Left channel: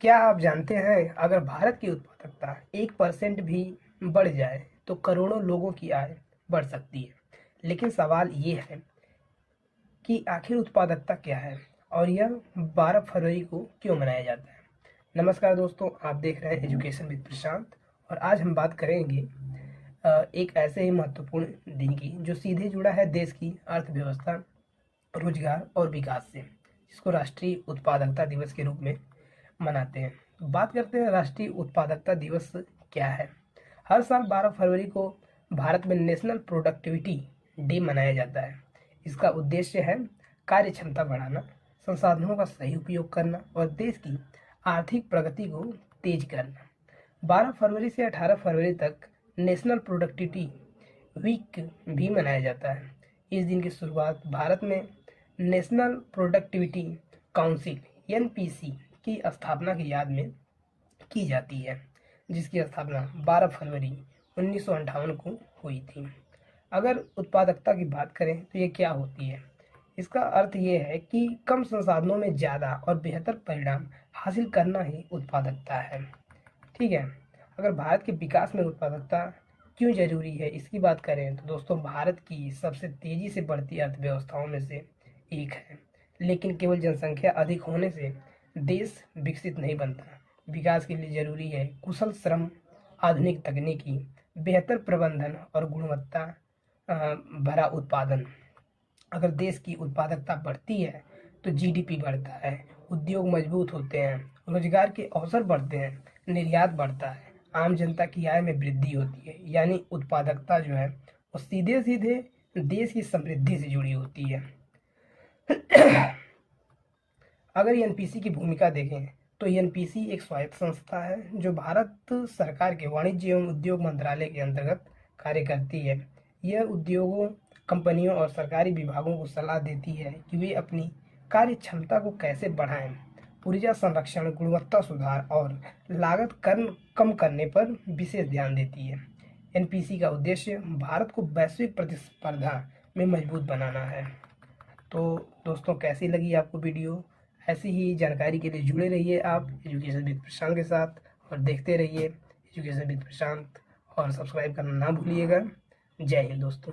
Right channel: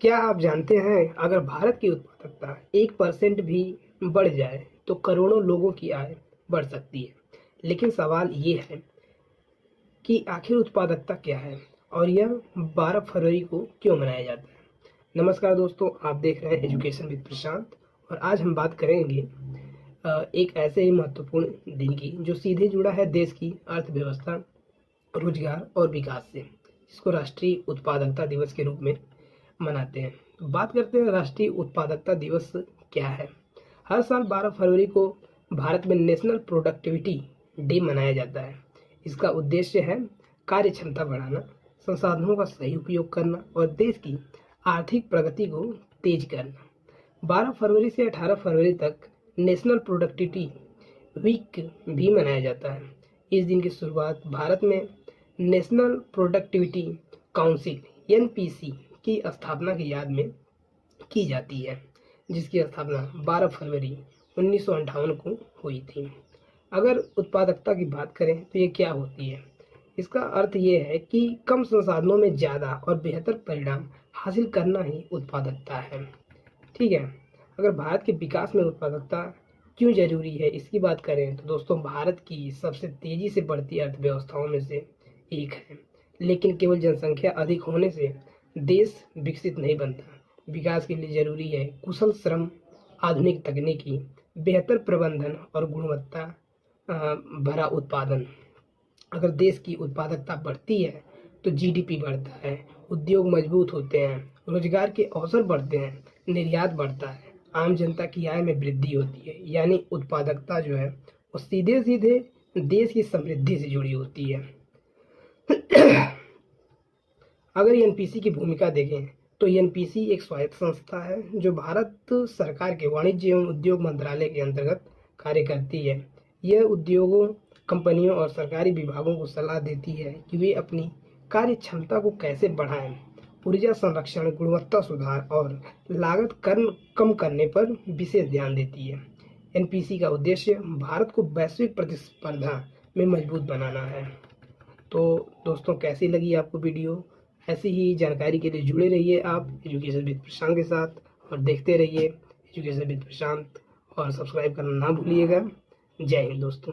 क्या आप जानते हैं अगर भारत की उत्पादकता 1% भी बढ़ जाए तो करोड़ों लोगों की आय बढ़ सकती है। लेकिन सवाल ये है कि आखिर उत्पादकता क्या है और यह 12 फरवरी को क्यों मनाया जाता है। नमस्कार दोस्तों, आप देख रहे हैं एजुकेशन विद प्रशांत और आज हम बात करेंगे एक ऐसे ही महत्वपूर्ण दिन की जो सीधे जुड़ा है देश की अर्थव्यवस्था, रोजगार और विकास से, जिसको राष्ट्रीय उत्पादकता दिवस के रूप में मनाते हैं। तो बात करते हैं राष्ट्रीय उत्पादकता दिवस क्या है। हर साल 12 फरवरी को भारत में नेशनल प्रोडक्टिविटी डे मनाया जाता है। इसका उद्देश्य है कार्य क्षमता बढ़ाना, संसाधनों का सही उपयोग करना और देश की आर्थिक प्रगति को तेज करना। 12 फरवरी से 18 फरवरी तक नेशनल प्रोडक्टिविटी वीक भी मनाया जाता है। इस दिन की शुरुआत भारत में नेशनल प्रोडक्टिविटी काउंसिल एनपीसी की स्थापना की याद में की जाती है, जिसकी स्थापना 12 फरवरी 1958 को हुई थी। अगर उत्पादकता की बात करें तो ये क्या होती है। इसका अर्थ ये है कि कम संसाधनों में ज़्यादा और बेहतर परिणाम हासिल करना ही उत्पादकता है। ठीक है। अगर भारत के विकास में उत्पादकता क्यों ज़रूरी है इसकी बात करें तो दोस्तों, भारत की सबसे तेज़ी से बढ़ती अर्थव्यवस्थाओं में से एक है। लेकिन केवल जनसंख्या अधिक होने से देश विकसित नहीं बनता। विकास के लिए ज़रूरी है कुशल श्रम, आधुनिक तकनीकी, बेहतर प्रबंधन और गुणवत्ता भरा उत्पादन। अगर देश की उत्पादकता बढ़ती है तो जीडीपी बढ़ता है, उद्योग मजबूत होते हैं, रोजगार के अवसर बढ़ते हैं, निर्यात बढ़ता है, आम जनता की आय में वृद्धि होती है। यानी उत्पादकता जो है वो सीधे सीधे देश की समृद्धि से जुड़ी होती है। अगर एनपीसी की भूमिका देखें तो एनपीसी एक स्वायत्त संस्था है जो भारत सरकार के वाणिज्य एवं उद्योग मंत्रालय के अंतर्गत कार्य करती है। यह उद्योगों, कंपनियों और सरकारी विभागों को सलाह देती है कि वे अपनी कार्य क्षमता को कैसे बढ़ाएं। ऊर्जा संरक्षण, गुणवत्ता सुधार और लागत कम करने पर विशेष ध्यान देती है। एनपीसी का उद्देश्य भारत को वैश्विक प्रतिस्पर्धा में मजबूत बनाना है। तो दोस्तों, कैसी लगी आपको वीडियो। ऐसी ही जानकारी के लिए जुड़े रहिए आप एजुकेशन विद प्रशांत के साथ और देखते रहिए एजुकेशन विद प्रशांत और सब्सक्राइब करना ना भूलिएगा। जय हिंद दोस्तों।